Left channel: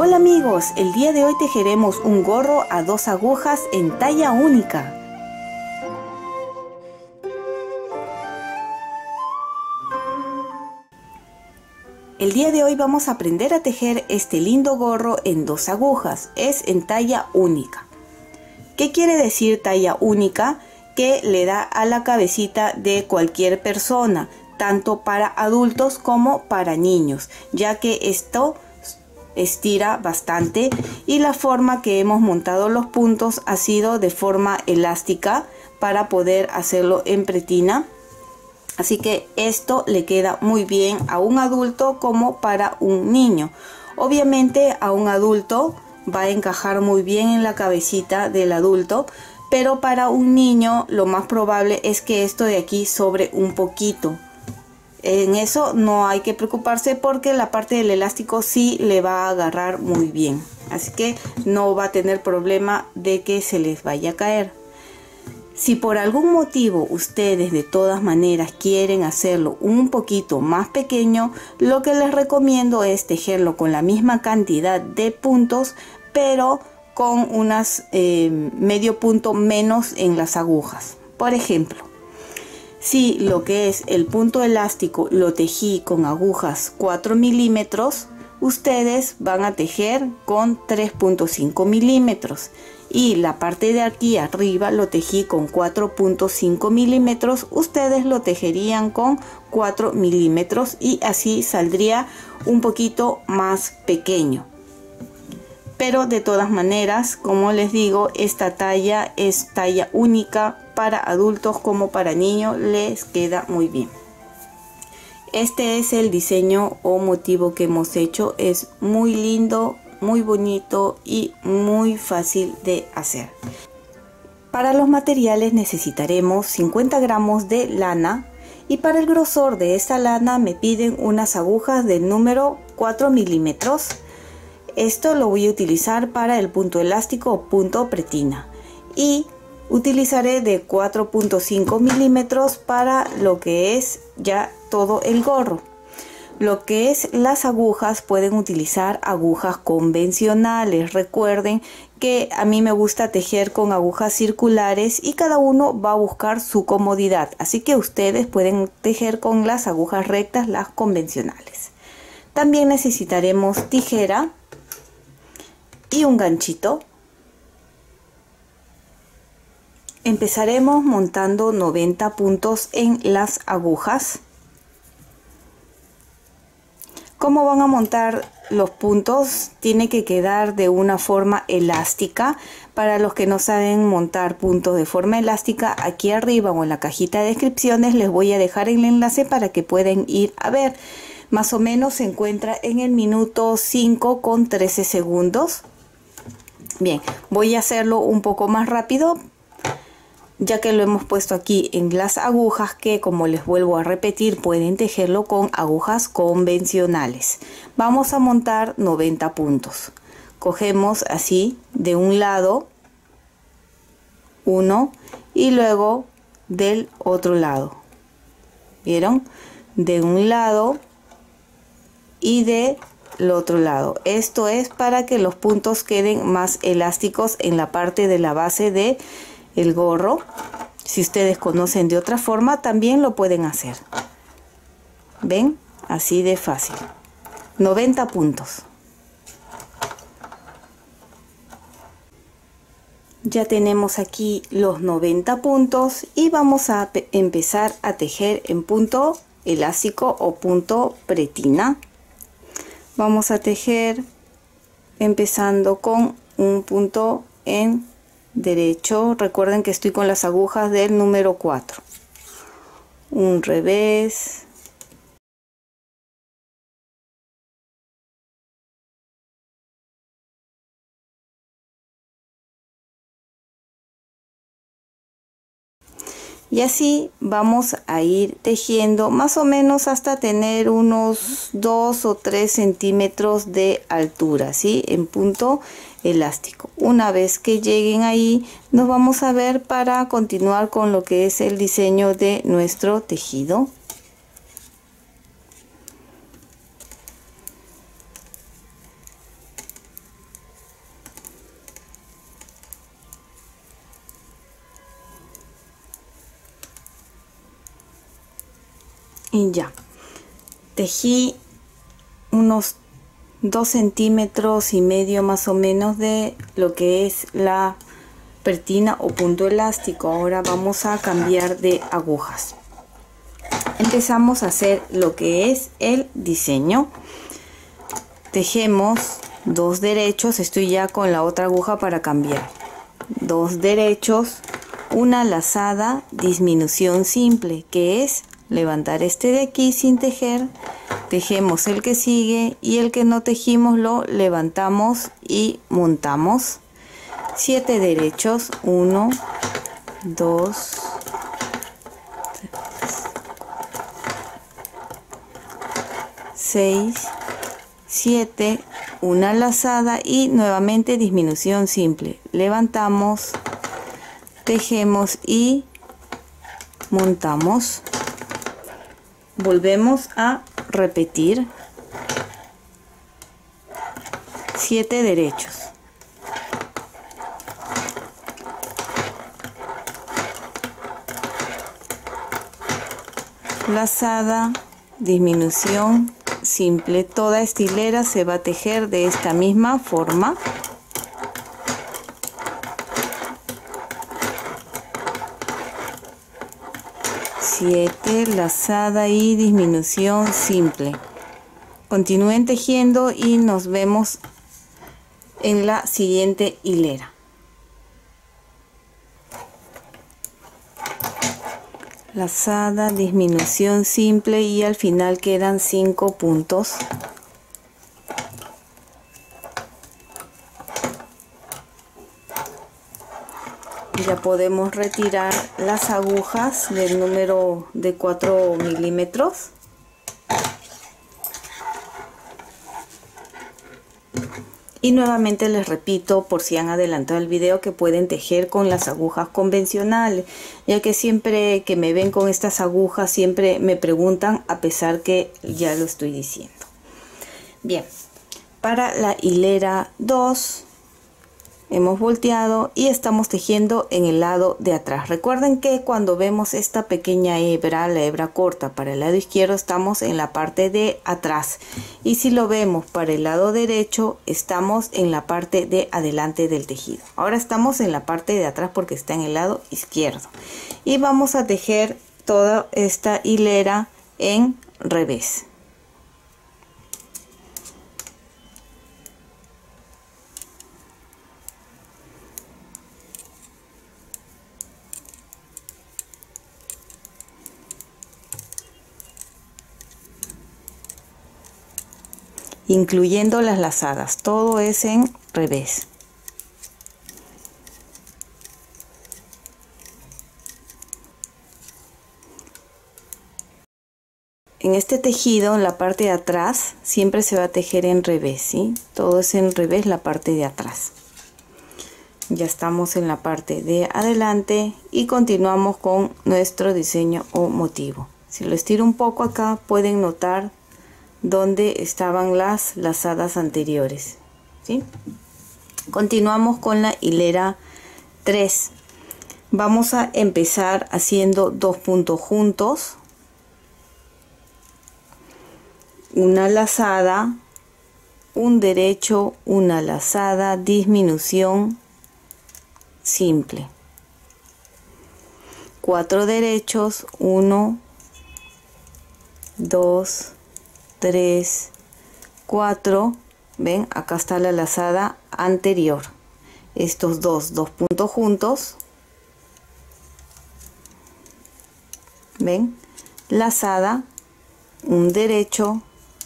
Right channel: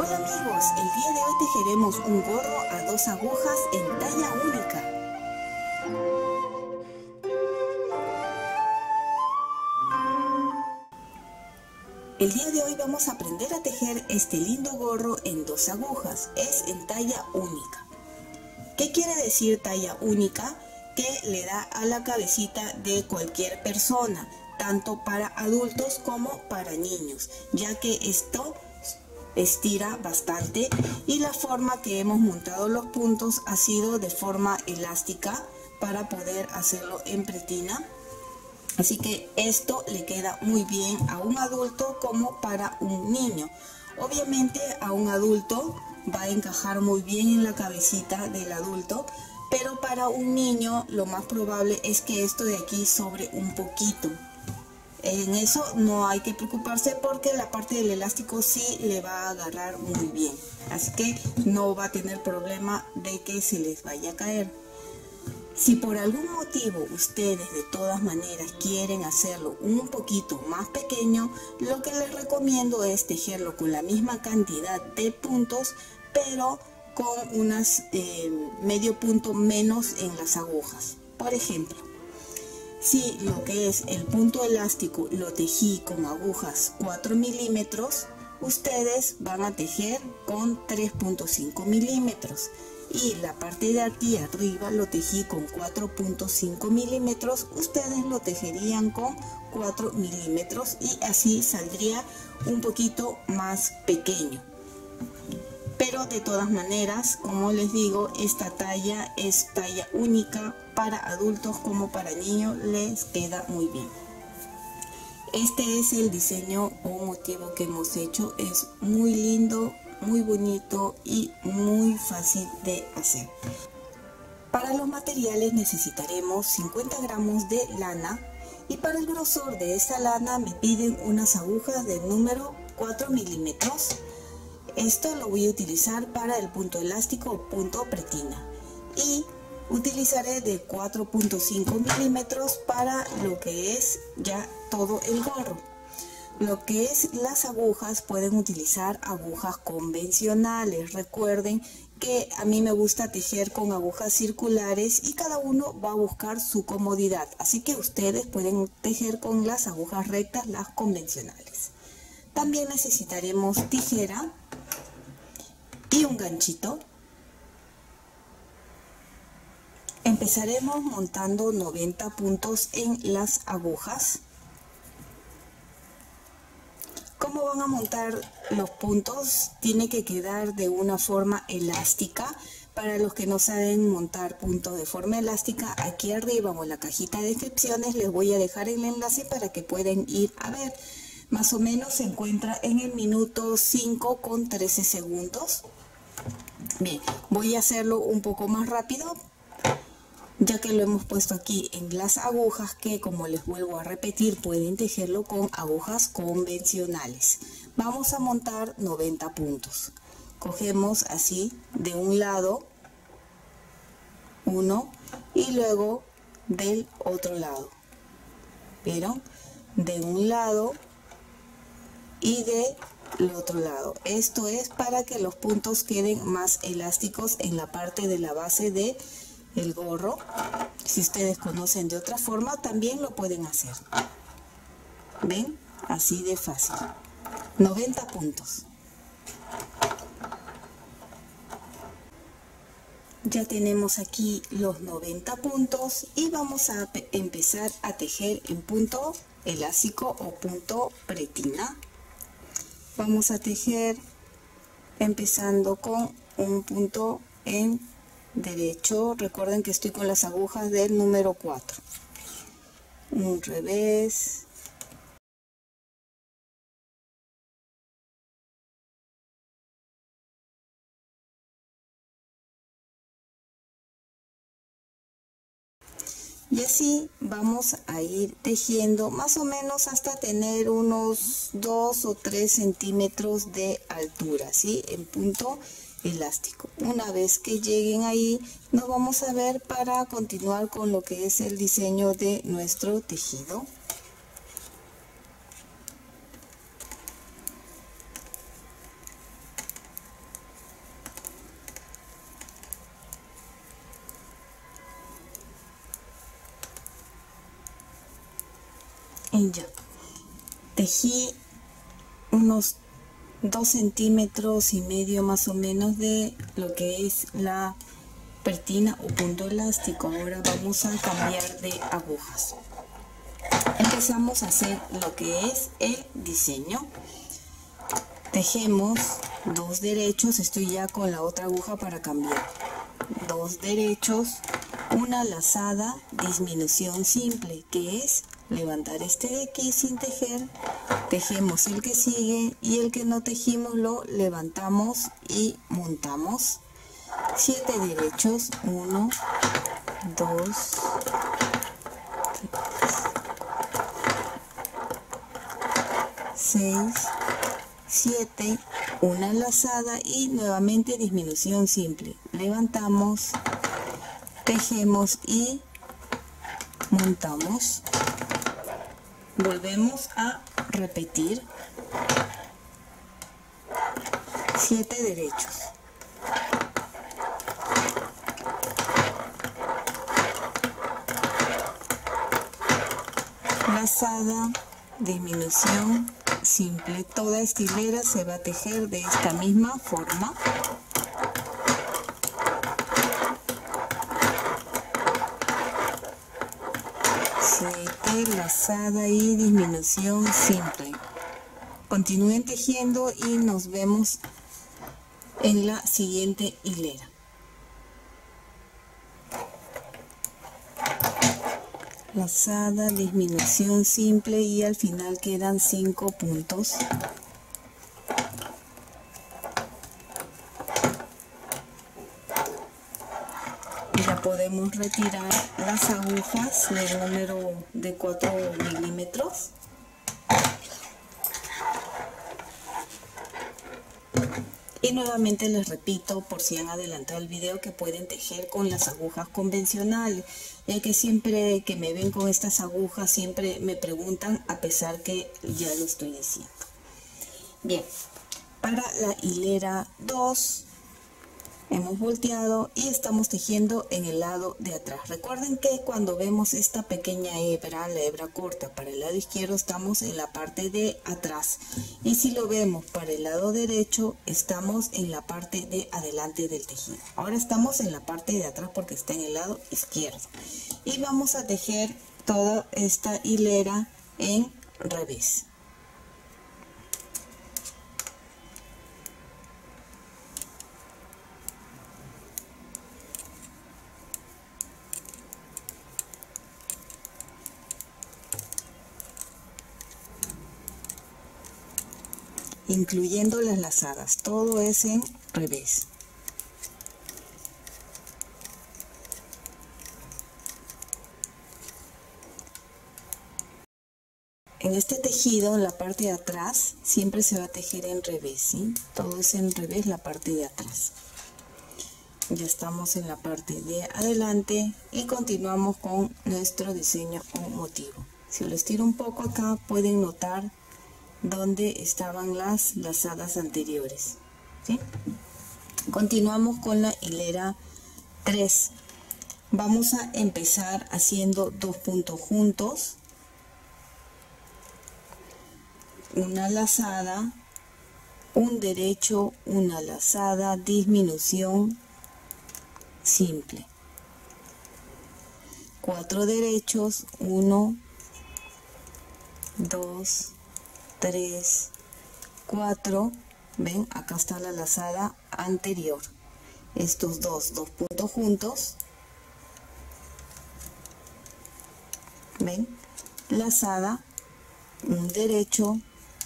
Hola amigos, el día de hoy tejeremos un gorro a 2 agujas en talla única. El día de hoy vamos a aprender a tejer este lindo gorro en 2 agujas, es en talla única. ¿Qué quiere decir talla única? Que le da a la cabecita de cualquier persona, tanto para adultos como para niños, ya que esto estira bastante y la forma que hemos montado los puntos ha sido de forma elástica para poder hacerlo en pretina, así que esto le queda muy bien a un adulto como para un niño. Obviamente a un adulto va a encajar muy bien en la cabecita del adulto, pero para un niño lo más probable es que esto de aquí sobre un poquito. En eso no hay que preocuparse porque la parte del elástico sí le va a agarrar muy bien, así que no va a tener problema de que se les vaya a caer. Si por algún motivo ustedes de todas maneras quieren hacerlo un poquito más pequeño, lo que les recomiendo es tejerlo con la misma cantidad de puntos, pero con unas medio punto menos en las agujas. Por ejemplo, si lo que es el punto elástico lo tejí con agujas 4 milímetros, ustedes van a tejer con 3.5 milímetros. Y la parte de aquí arriba lo tejí con 4.5 milímetros, ustedes lo tejerían con 4 milímetros y así saldría un poquito más pequeño. Pero de todas maneras, como les digo, esta talla es talla única para adultos como para niños, les queda muy bien. Este es el diseño o motivo que hemos hecho, es muy lindo, muy bonito y muy fácil de hacer. Para los materiales necesitaremos 50 gramos de lana y para el grosor de esta lana me piden unas agujas del número 4 milímetros. Esto lo voy a utilizar para el punto elástico o punto pretina y utilizaré de 4.5 milímetros para lo que es ya todo el gorro. Lo que es las agujas, pueden utilizar agujas convencionales. Recuerden que a mí me gusta tejer con agujas circulares y cada uno va a buscar su comodidad, así que ustedes pueden tejer con las agujas rectas, las convencionales. También necesitaremos tijera y un ganchito. Empezaremos montando 90 puntos en las agujas. ¿Cómo van a montar los puntos? Tiene que quedar de una forma elástica. Para los que no saben montar puntos de forma elástica, aquí arriba o en la cajita de descripciones les voy a dejar el enlace para que puedan ir a ver. Más o menos se encuentra en el minuto 5 con 13 segundos. Bien, voy a hacerlo un poco más rápido, ya que lo hemos puesto aquí en las agujas que, como les vuelvo a repetir, pueden tejerlo con agujas convencionales. Vamos a montar 90 puntos. Cogemos así de un lado uno y luego del otro lado. ¿Vieron? De un lado y del otro lado. Esto es para que los puntos queden más elásticos en la parte de la base de el gorro. Si ustedes conocen de otra forma, también lo pueden hacer. ¿Ven? Así de fácil. 90 puntos. Ya tenemos aquí los 90 puntos y vamos a empezar a tejer en punto elástico o punto pretina. Vamos a tejer empezando con un punto en derecho. Recuerden que estoy con las agujas del número 4. Un revés. Y así vamos a ir tejiendo más o menos hasta tener unos 2 o 3 centímetros de altura, ¿sí? En punto elástico. Una vez que lleguen ahí, nos vamos a ver para continuar con lo que es el diseño de nuestro tejido. Y ya, tejí unos 2,5 centímetros más o menos de lo que es la pertina o punto elástico. Ahora vamos a cambiar de agujas. Empezamos a hacer lo que es el diseño. Tejemos 2 derechos, estoy ya con la otra aguja para cambiar. 2 derechos, una lazada, disminución simple, que es levantar este de aquí sin tejer, tejemos el que sigue y el que no tejimos lo levantamos y montamos. 7 derechos, 1, 2, 6, 7, una lazada y nuevamente disminución simple. Levantamos, tejemos y montamos. Volvemos a repetir 7 derechos. Lazada, disminución simple. Toda esta hilera se va a tejer de esta misma forma. Siete, lazada y disminución simple. Continúen tejiendo y nos vemos en la siguiente hilera. Lazada, disminución simple y al final quedan 5 puntos. Ya podemos retirar las agujas del número de 4 milímetros. Y nuevamente les repito, por si han adelantado el video, que pueden tejer con las agujas convencionales, ya que siempre que me ven con estas agujas siempre me preguntan, a pesar que ya lo estoy diciendo. Bien, para la hilera 2 hemos volteado y estamos tejiendo en el lado de atrás. Recuerden que cuando vemos esta pequeña hebra, la hebra corta para el lado izquierdo, estamos en la parte de atrás, y si lo vemos para el lado derecho, estamos en la parte de adelante del tejido. Ahora estamos en la parte de atrás porque está en el lado izquierdo, y vamos a tejer toda esta hilera en revés. Incluyendo las lazadas, todo es en revés. En este tejido, en la parte de atrás, siempre se va a tejer en revés, ¿sí? Todo es en revés, la parte de atrás. Ya estamos en la parte de adelante y continuamos con nuestro diseño o motivo. Si lo estiro un poco acá, pueden notar donde estaban las lazadas anteriores, ¿sí? Continuamos con la hilera 3. Vamos a empezar haciendo 2 puntos juntos, una lazada, un derecho, una lazada, disminución simple, 4 derechos, 1, 2, 3, 4, ven, acá está la lazada anterior. Estos dos puntos juntos, ven, lazada, un derecho,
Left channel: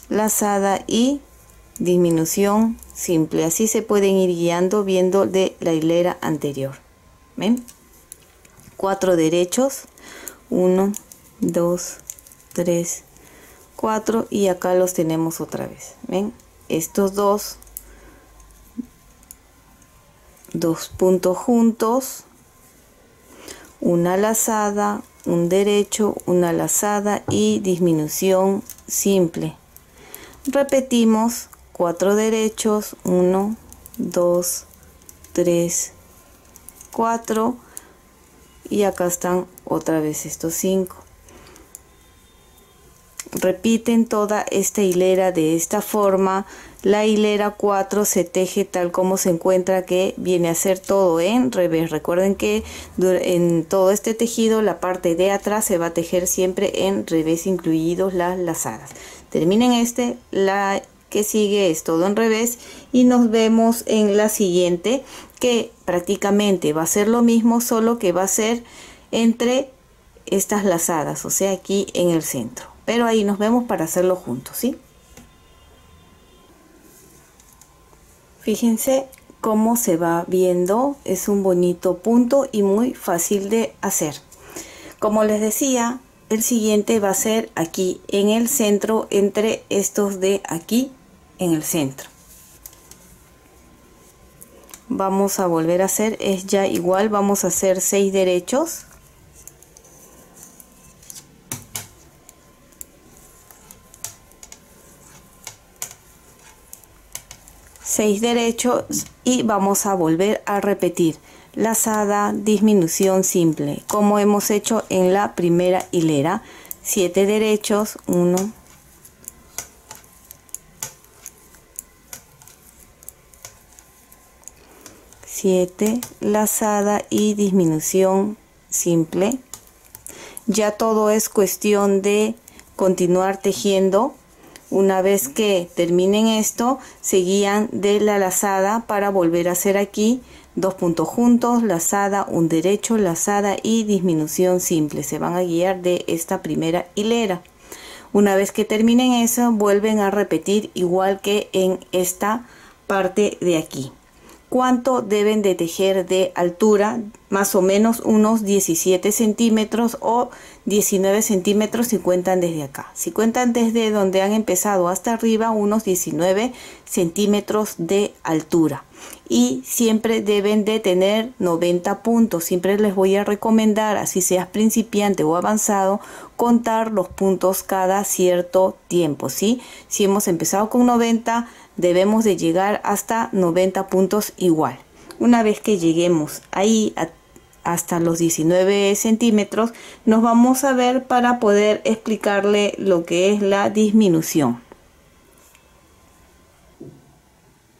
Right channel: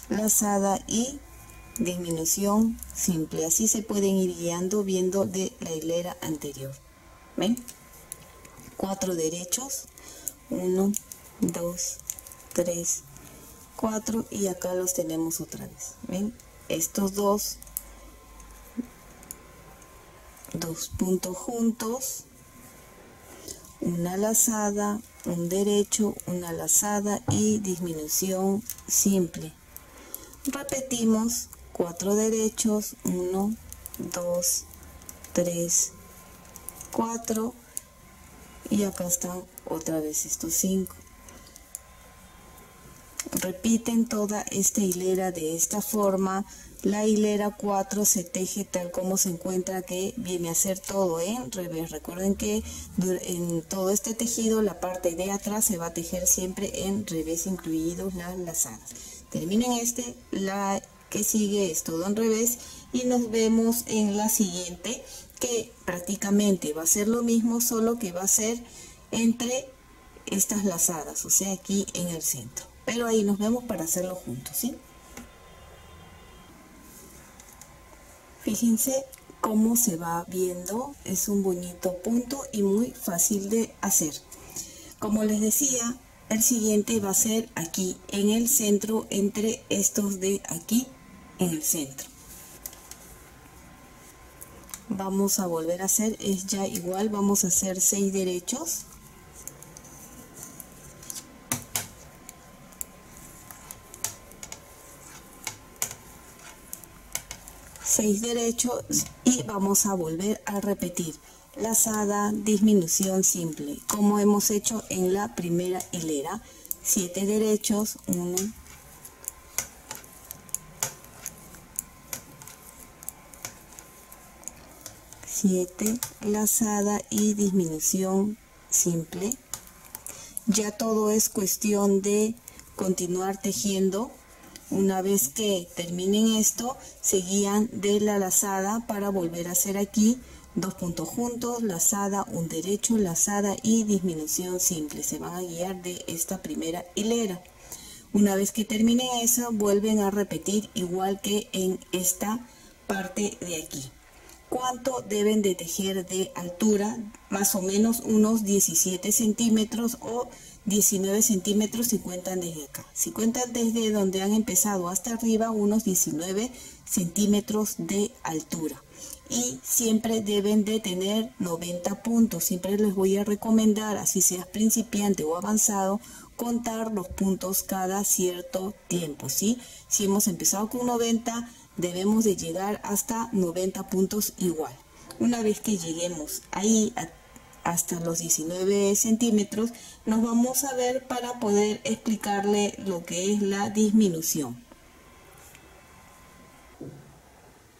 lazada y disminución simple. Así se pueden ir guiando viendo de la hilera anterior. ven, 4 derechos, 1, 2, 3, 4, y acá los tenemos otra vez. ven, estos dos puntos juntos, una lazada, un derecho, una lazada y disminución simple. Repetimos 4 derechos, 1, 2, 3, 4, y acá están otra vez estos 5. repiten toda esta hilera de esta forma. La hilera 4 se teje tal como se encuentra, que viene a ser todo en revés. Recuerden que en todo este tejido la parte de atrás se va a tejer siempre en revés, incluidos las lazadas. Terminen la que sigue es todo en revés y nos vemos en la siguiente, que prácticamente va a ser lo mismo, solo que va a ser entre estas lazadas, o sea, aquí en el centro. Pero ahí nos vemos para hacerlo juntos, ¿sí? Fíjense cómo se va viendo, es un bonito punto y muy fácil de hacer. Como les decía, el siguiente va a ser aquí en el centro, entre estos de aquí en el centro. Vamos a volver a hacer, es ya igual, vamos a hacer 6 derechos. Y vamos a volver a repetir lazada, disminución simple, como hemos hecho en la primera hilera. 7 derechos, 1, 7, lazada y disminución simple. Ya todo es cuestión de continuar tejiendo. Una vez que terminen esto, se guían de la lazada para volver a hacer aquí 2 puntos juntos, lazada, un derecho, lazada y disminución simple. Se van a guiar de esta primera hilera. Una vez que terminen eso, vuelven a repetir igual que en esta parte de aquí. ¿Cuánto deben de tejer de altura? Más o menos unos 17 centímetros o 19 centímetros si cuentan desde acá. Si cuentan desde donde han empezado hasta arriba, unos 19 centímetros de altura. Y siempre deben de tener 90 puntos. Siempre les voy a recomendar, así seas principiante o avanzado, contar los puntos cada cierto tiempo, ¿sí? Si hemos empezado con 90, debemos de llegar hasta 90 puntos igual. Una vez que lleguemos ahí hasta los 19 centímetros, nos vamos a ver para poder explicarle lo que es la disminución.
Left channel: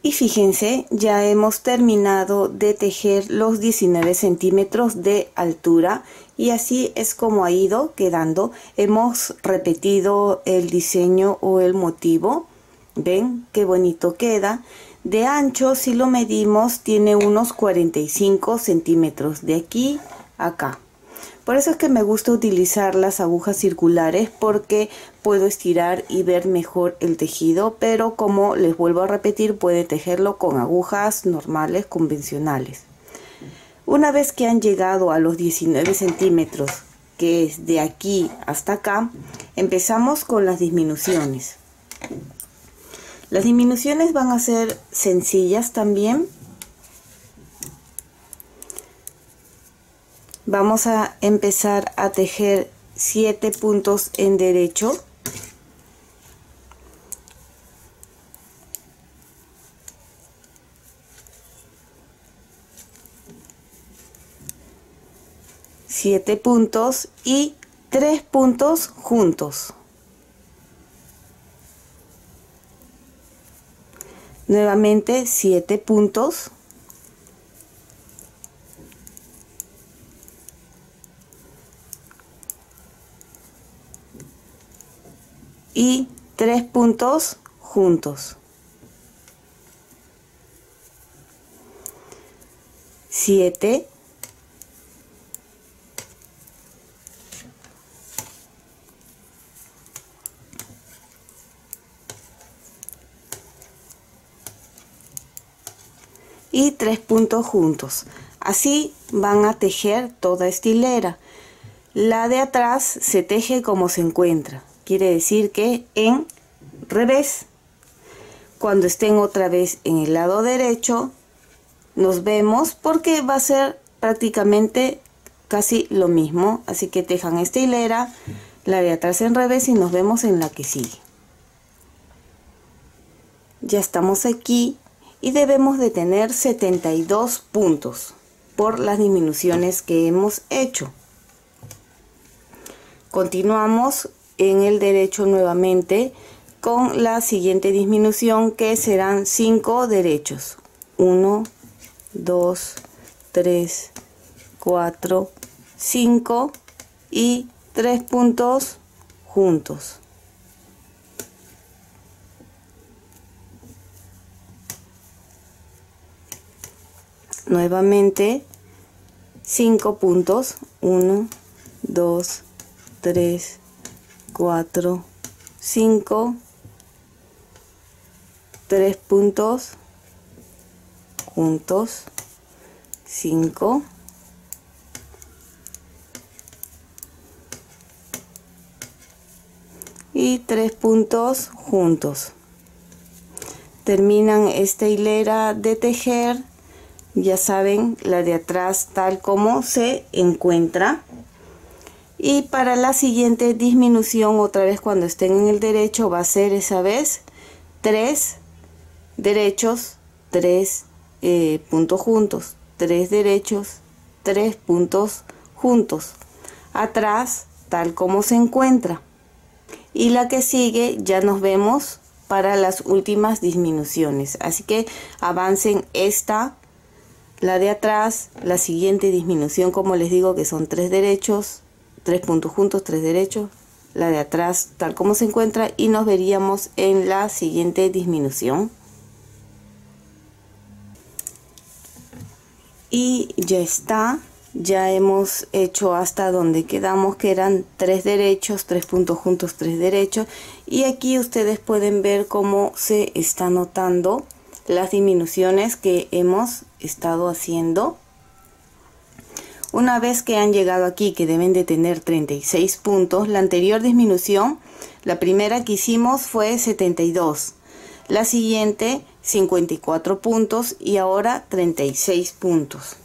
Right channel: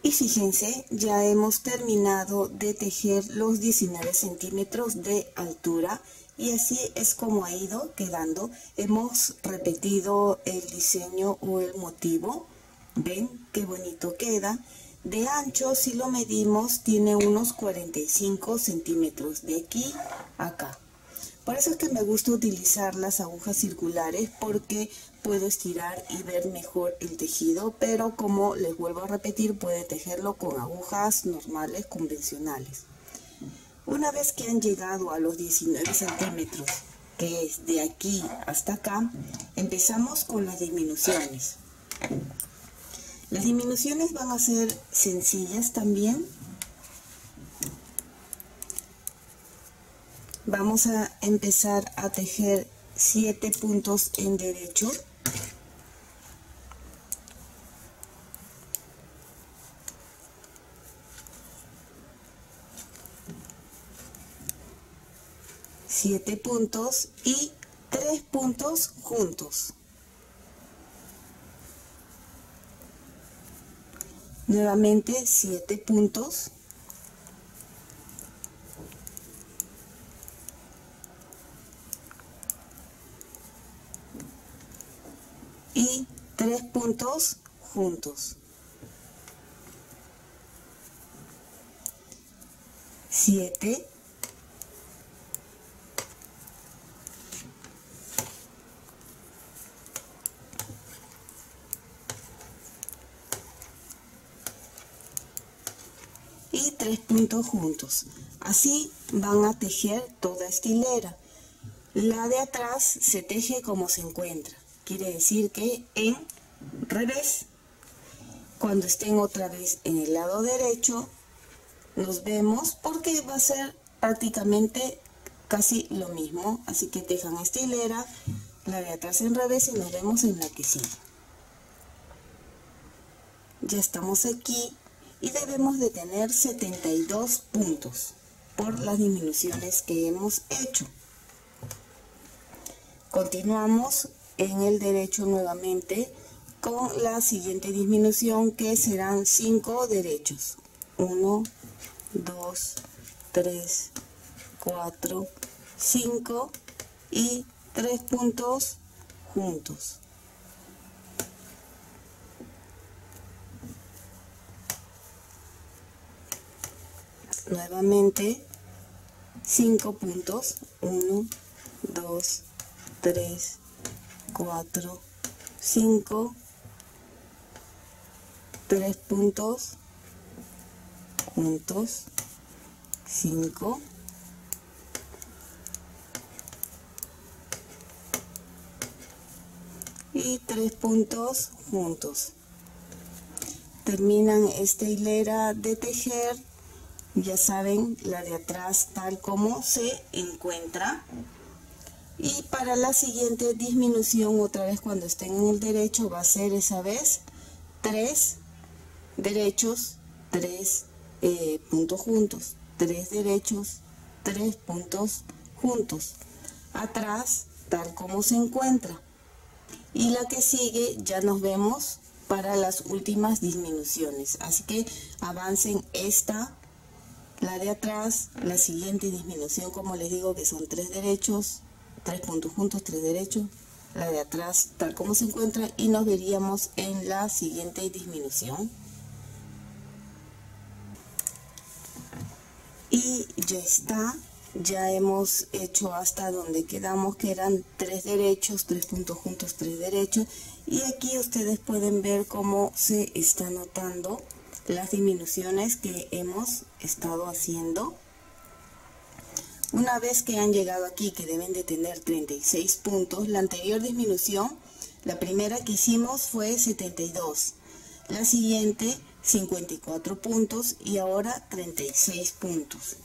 Y fíjense, ya hemos terminado de tejer los 19 centímetros de altura y así es como ha ido quedando. Hemos repetido el diseño o el motivo. ¿Ven qué bonito queda? De ancho, si lo medimos, tiene unos 45 centímetros de aquí a acá. Por eso es que me gusta utilizar las agujas circulares, porque puedo estirar y ver mejor el tejido, pero como les vuelvo a repetir, puede tejerlo con agujas normales, convencionales. Una vez que han llegado a los 19 centímetros, que es de aquí hasta acá, empezamos con las disminuciones. Las disminuciones van a ser sencillas también. Vamos a empezar a tejer 7 puntos en derecho. Siete puntos y 3 puntos juntos. Nuevamente 7 puntos. Y 3 puntos juntos. 7. Y 3 puntos juntos. Así van a tejer toda esta hilera. La de atrás se teje como se encuentra. Quiere decir que en revés. Cuando estén otra vez en el lado derecho, nos vemos, porque va a ser prácticamente casi lo mismo. Así que tejan esta hilera, la de atrás en revés, y nos vemos en la que sigue. Ya estamos aquí y debemos de tener 72 puntos por las disminuciones que hemos hecho. Continuamos en el derecho nuevamente con la siguiente disminución, que serán 5 derechos. 1, 2, 3, 4, 5 y 3 puntos juntos. Nuevamente 5 puntos. 1, 2, 3, 4, 5, 3 puntos juntos, 5, y 3 puntos juntos. Terminan esta hilera de tejer, ya saben, la de atrás tal como se encuentra. Y para la siguiente disminución, otra vez cuando estén en el derecho, va a ser esa vez 3 derechos, 3 puntos juntos, 3 derechos, 3 puntos juntos, atrás tal como se encuentra. Y la que sigue ya nos vemos para las últimas disminuciones, así que avancen esta, la de atrás, la siguiente disminución, como les digo, que son 3 derechos, 3 puntos juntos, 3 derechos, la de atrás tal como se encuentra, y nos veríamos en la siguiente disminución. Y ya está, ya hemos hecho hasta donde quedamos, que eran 3 derechos, 3 puntos juntos, 3 derechos, y aquí ustedes pueden ver cómo se está notando las disminuciones que hemos estado haciendo. Una vez que han llegado aquí, que deben de tener 36 puntos, la anterior disminución, la primera que hicimos fue 72, la siguiente 54 puntos y ahora 36 puntos.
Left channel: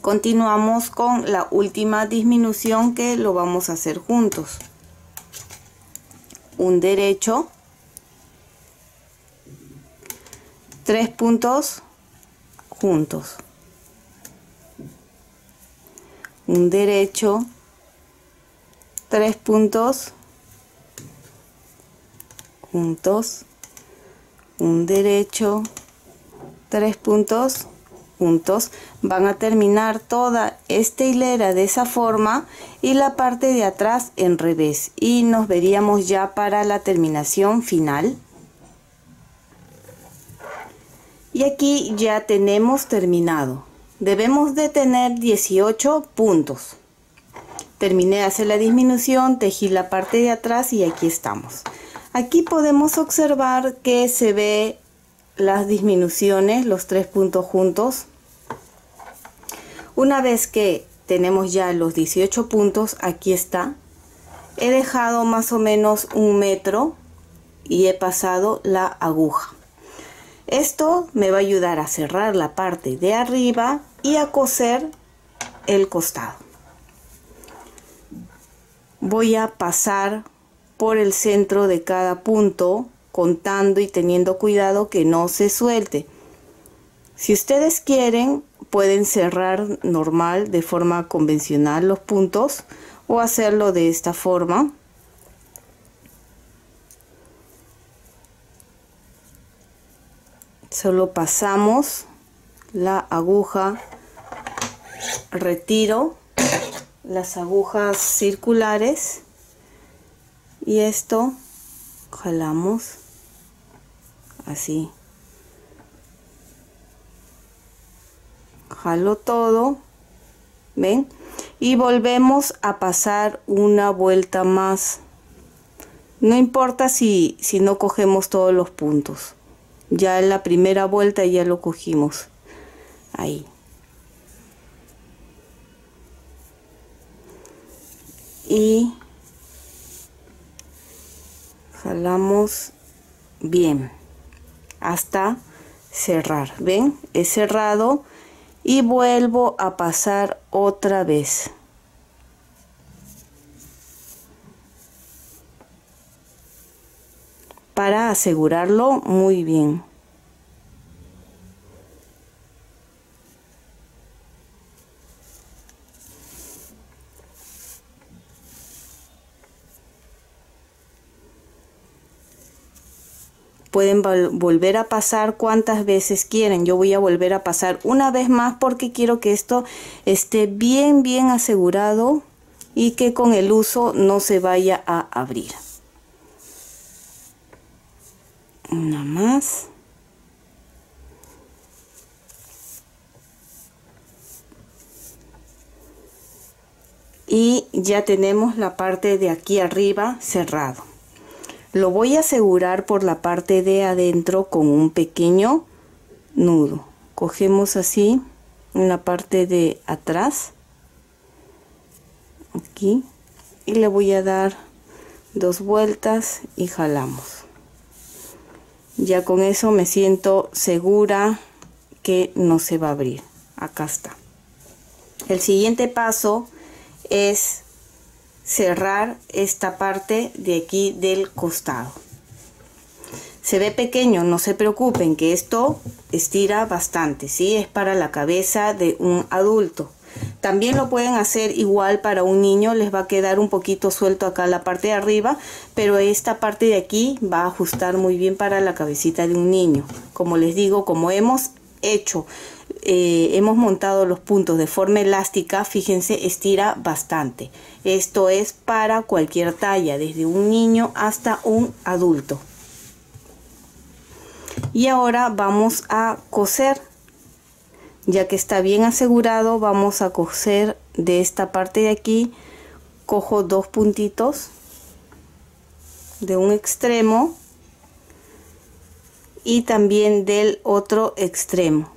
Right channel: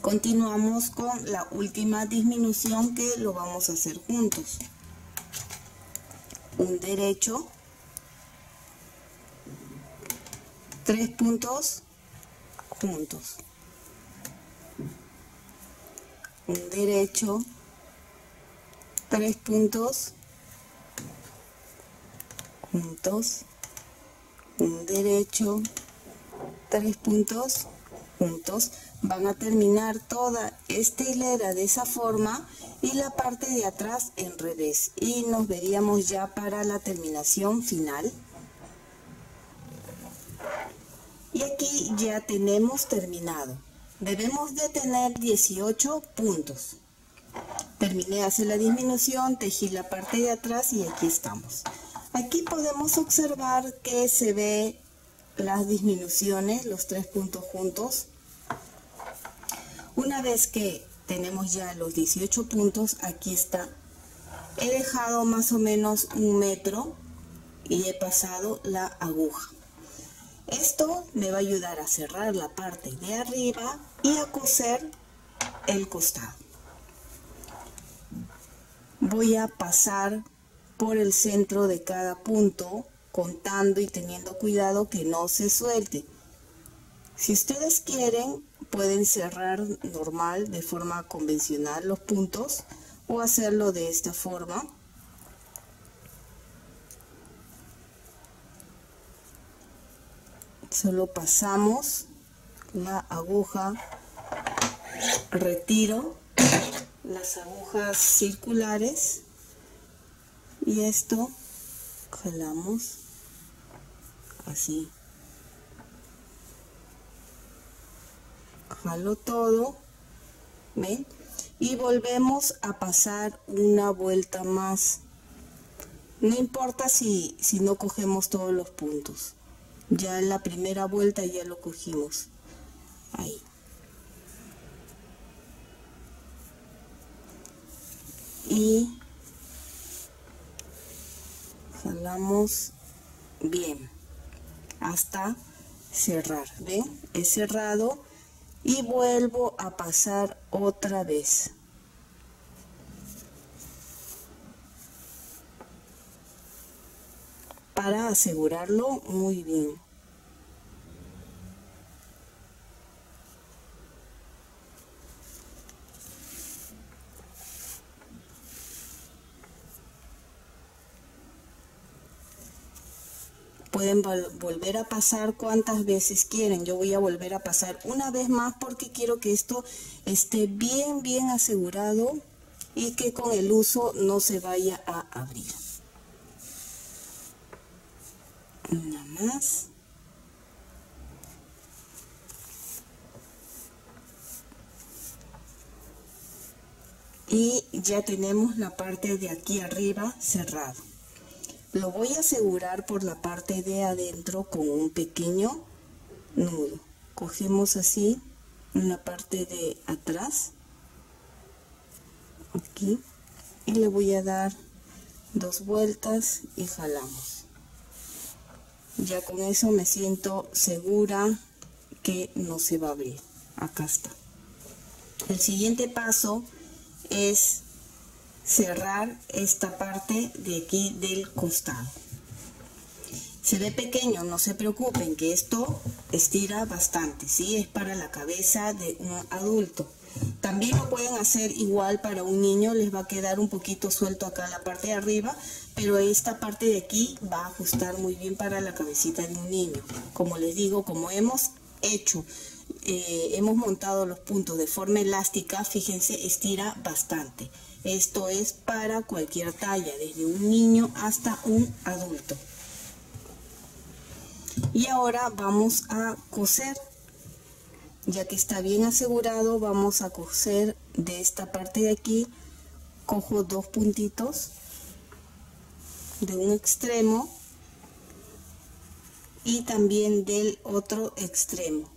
Continuamos con la última disminución, que lo vamos a hacer juntos. Un derecho, 3 puntos juntos, un derecho, 3 puntos juntos, un derecho, 3 puntos juntos. Van a terminar toda esta hilera de esa forma y la parte de atrás en revés, y nos veríamos ya para la terminación final. Y aquí ya tenemos terminado. Debemos de tener 18 puntos. Terminé de hacer la disminución, tejí la parte de atrás y aquí estamos. Aquí podemos observar que se ve las disminuciones, los 3 puntos juntos. Una vez que tenemos ya los 18 puntos, aquí está. He dejado más o menos 1 metro y he pasado la aguja. Esto me va a ayudar a cerrar la parte de arriba y a coser el costado. Voy a pasar por el centro de cada punto, contando y teniendo cuidado que no se suelte. Si ustedes quieren, pueden cerrar normal, de forma convencional, los puntos, o hacerlo de esta forma. Solo pasamos la aguja, retiro las agujas circulares y esto jalamos así. Jalo todo, ¿ven? Y volvemos a pasar una vuelta más. No importa si no cogemos todos los puntos. Ya en la primera vuelta ya lo cogimos. Ahí. Y jalamos bien hasta cerrar. ¿Ven? He cerrado y vuelvo a pasar otra vez. Para asegurarlo muy bien. pueden volver a pasar cuantas veces quieren. Yo voy a volver a pasar una vez más porque quiero que esto esté bien asegurado y que con el uso no se vaya a abrir. Una más. Y ya tenemos la parte de aquí arriba cerrado. Lo voy a asegurar por la parte de adentro con un pequeño nudo. Cogemos así en la parte de atrás, aquí, y le voy a dar 2 vueltas y jalamos. Ya con eso me siento segura que no se va a abrir. Acá está. El siguiente paso es cerrar esta parte de aquí del costado. Se ve pequeño, no se preocupen, que esto estira bastante, ¿sí? Es para la cabeza de un adulto. También lo pueden hacer igual para un niño, les va a quedar un poquito suelto acá la parte de arriba, pero esta parte de aquí va a ajustar muy bien para la cabecita de un niño. Como les digo, como hemos montado los puntos de forma elástica, fíjense, estira bastante. Esto es para cualquier talla, desde un niño hasta un adulto. Y ahora vamos a coser. Ya que está bien asegurado, vamos a coser de esta parte de aquí. Cojo 2 puntitos de un extremo y también del otro extremo.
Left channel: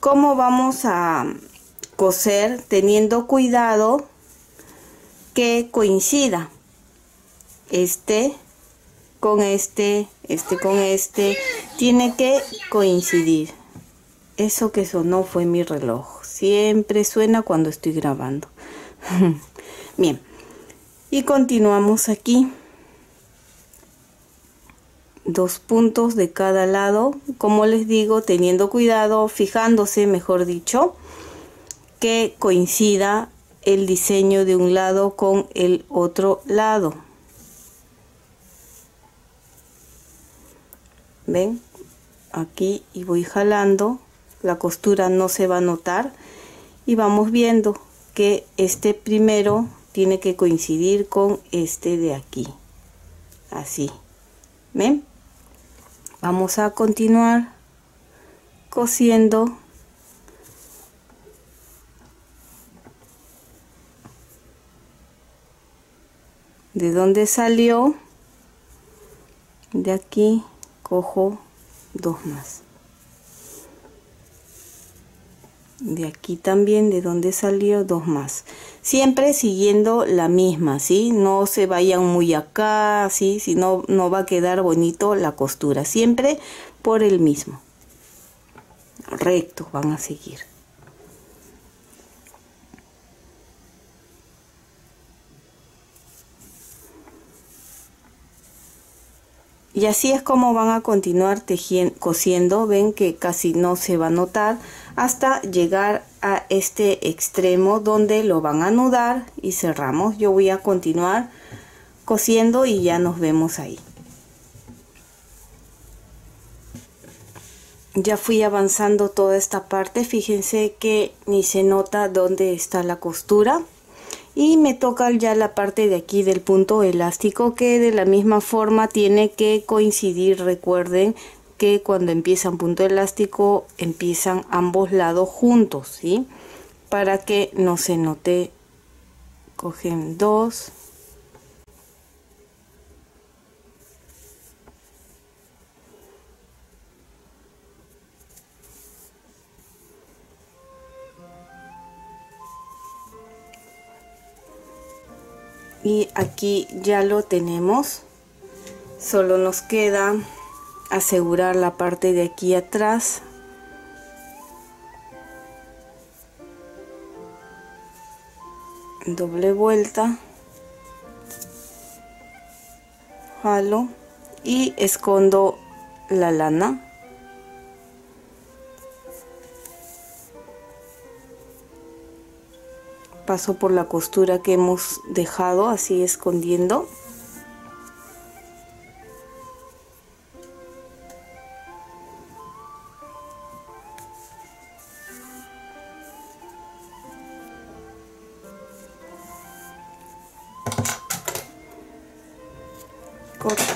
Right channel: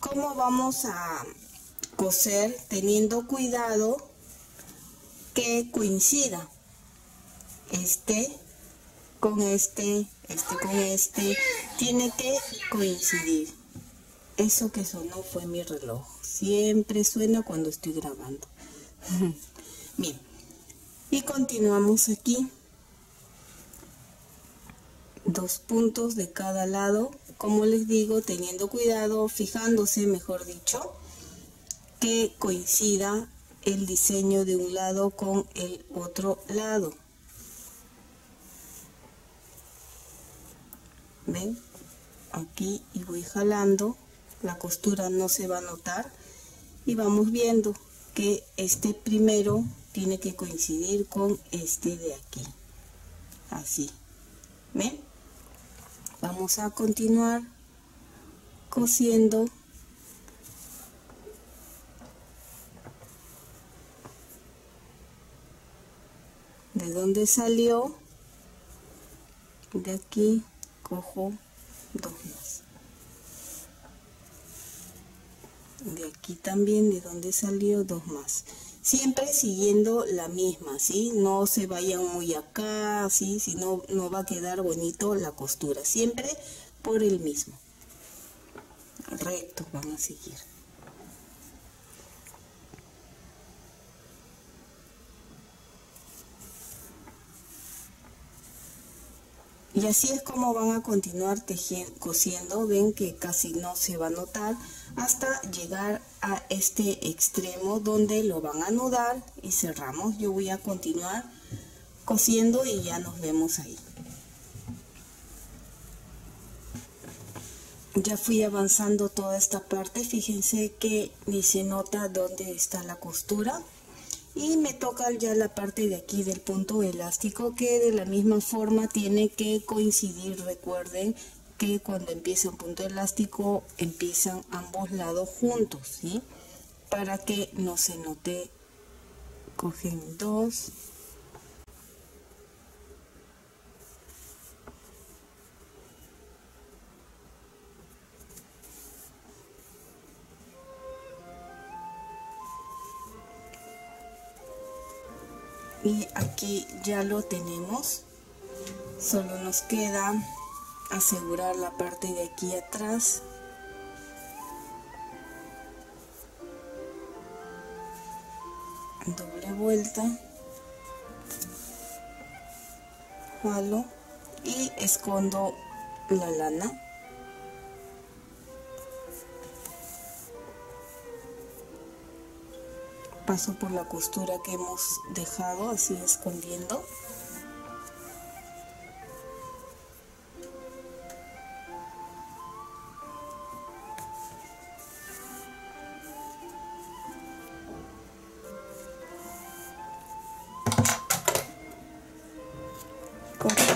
¿Cómo vamos a coser? Teniendo cuidado que coincida este con este con este, tiene que coincidir. Eso que sonó fue mi reloj. Siempre suena cuando estoy grabando. Bien. Y continuamos aquí. 2 puntos de cada lado. Como les digo, teniendo cuidado, fijándose, mejor dicho, que coincida el diseño de un lado con el otro lado. ¿Ven? Aquí y voy jalando. La costura no se va a notar y vamos viendo que este primero tiene que coincidir con este de aquí, así. ¿Ven? Vamos a continuar cosiendo de donde salió. De aquí cojo 2 más. De aquí también, de donde salió, 2 más. Siempre siguiendo la misma, ¿sí? No se vayan muy acá, ¿sí? Si no, no va a quedar bonito la costura. Siempre por el mismo. Rectos van a seguir. Y así es como van a continuar cosiendo. Ven que casi no se va a notar hasta llegar a este extremo donde lo van a anudar y cerramos. Yo voy a continuar cosiendo y ya nos vemos ahí. Ya fui avanzando toda esta parte. Fíjense que ni se nota dónde está la costura. Y me toca ya la parte de aquí del punto elástico, que de la misma forma tiene que coincidir. Recuerden que cuando empieza un punto elástico empiezan ambos lados juntos, ¿sí? Para que no se note. Cogen 2. Y aquí ya lo tenemos. Solo nos queda asegurar la parte de aquí atrás. Doble vuelta. Jalo y escondo la lana. Paso por la costura que hemos dejado así escondiendo.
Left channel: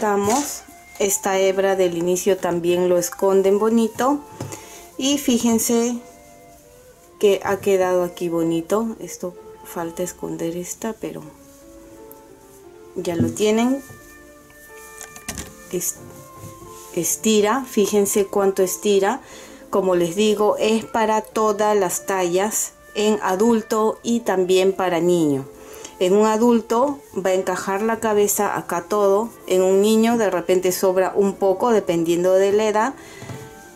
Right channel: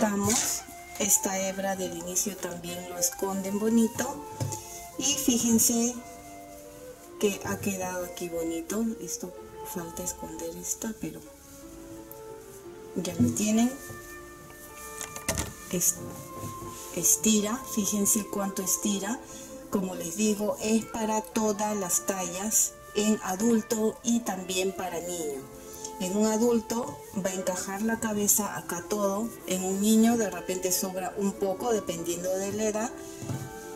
cortamos. Esta hebra del inicio también lo esconden bonito. Y fíjense que ha quedado aquí bonito. Esto falta esconder esta, pero ya lo tienen. Estira, fíjense cuánto estira. Como les digo, es para todas las tallas, en adulto y también para niño. En un adulto va a encajar la cabeza acá todo. En un niño de repente sobra un poco dependiendo de la edad.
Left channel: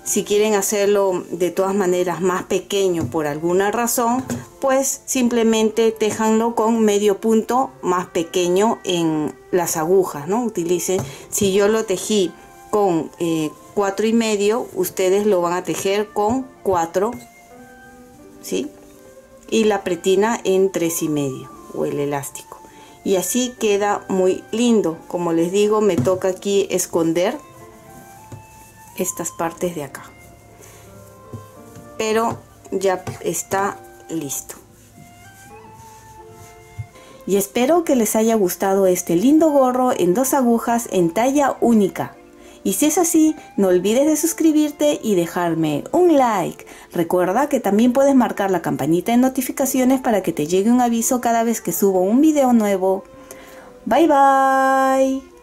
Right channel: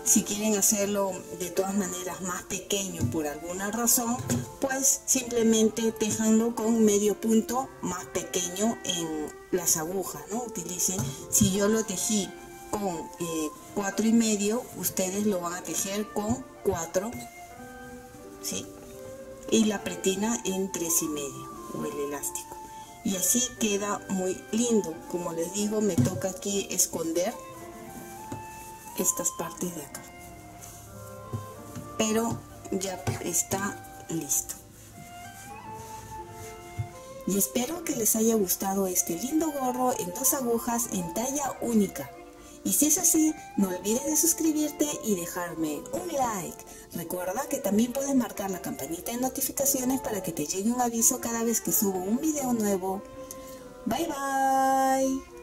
Si quieren hacerlo de todas maneras más pequeño por alguna razón, pues simplemente téjanlo con medio punto más pequeño en las agujas, ¿no? Utilicen, si yo lo tejí con 4,5, ustedes lo van a tejer con 4, ¿sí? Y la pretina en 3,5 o el elástico. Y así queda muy lindo. Como les digo, me toca aquí esconder estas partes de acá, pero ya está listo. Y espero que les haya gustado este lindo gorro en 2 agujas en talla única. Y si es así, no olvides de suscribirte y dejarme un like. Recuerda que también puedes marcar la campanita de notificaciones para que te llegue un aviso cada vez que subo un video nuevo. Bye bye.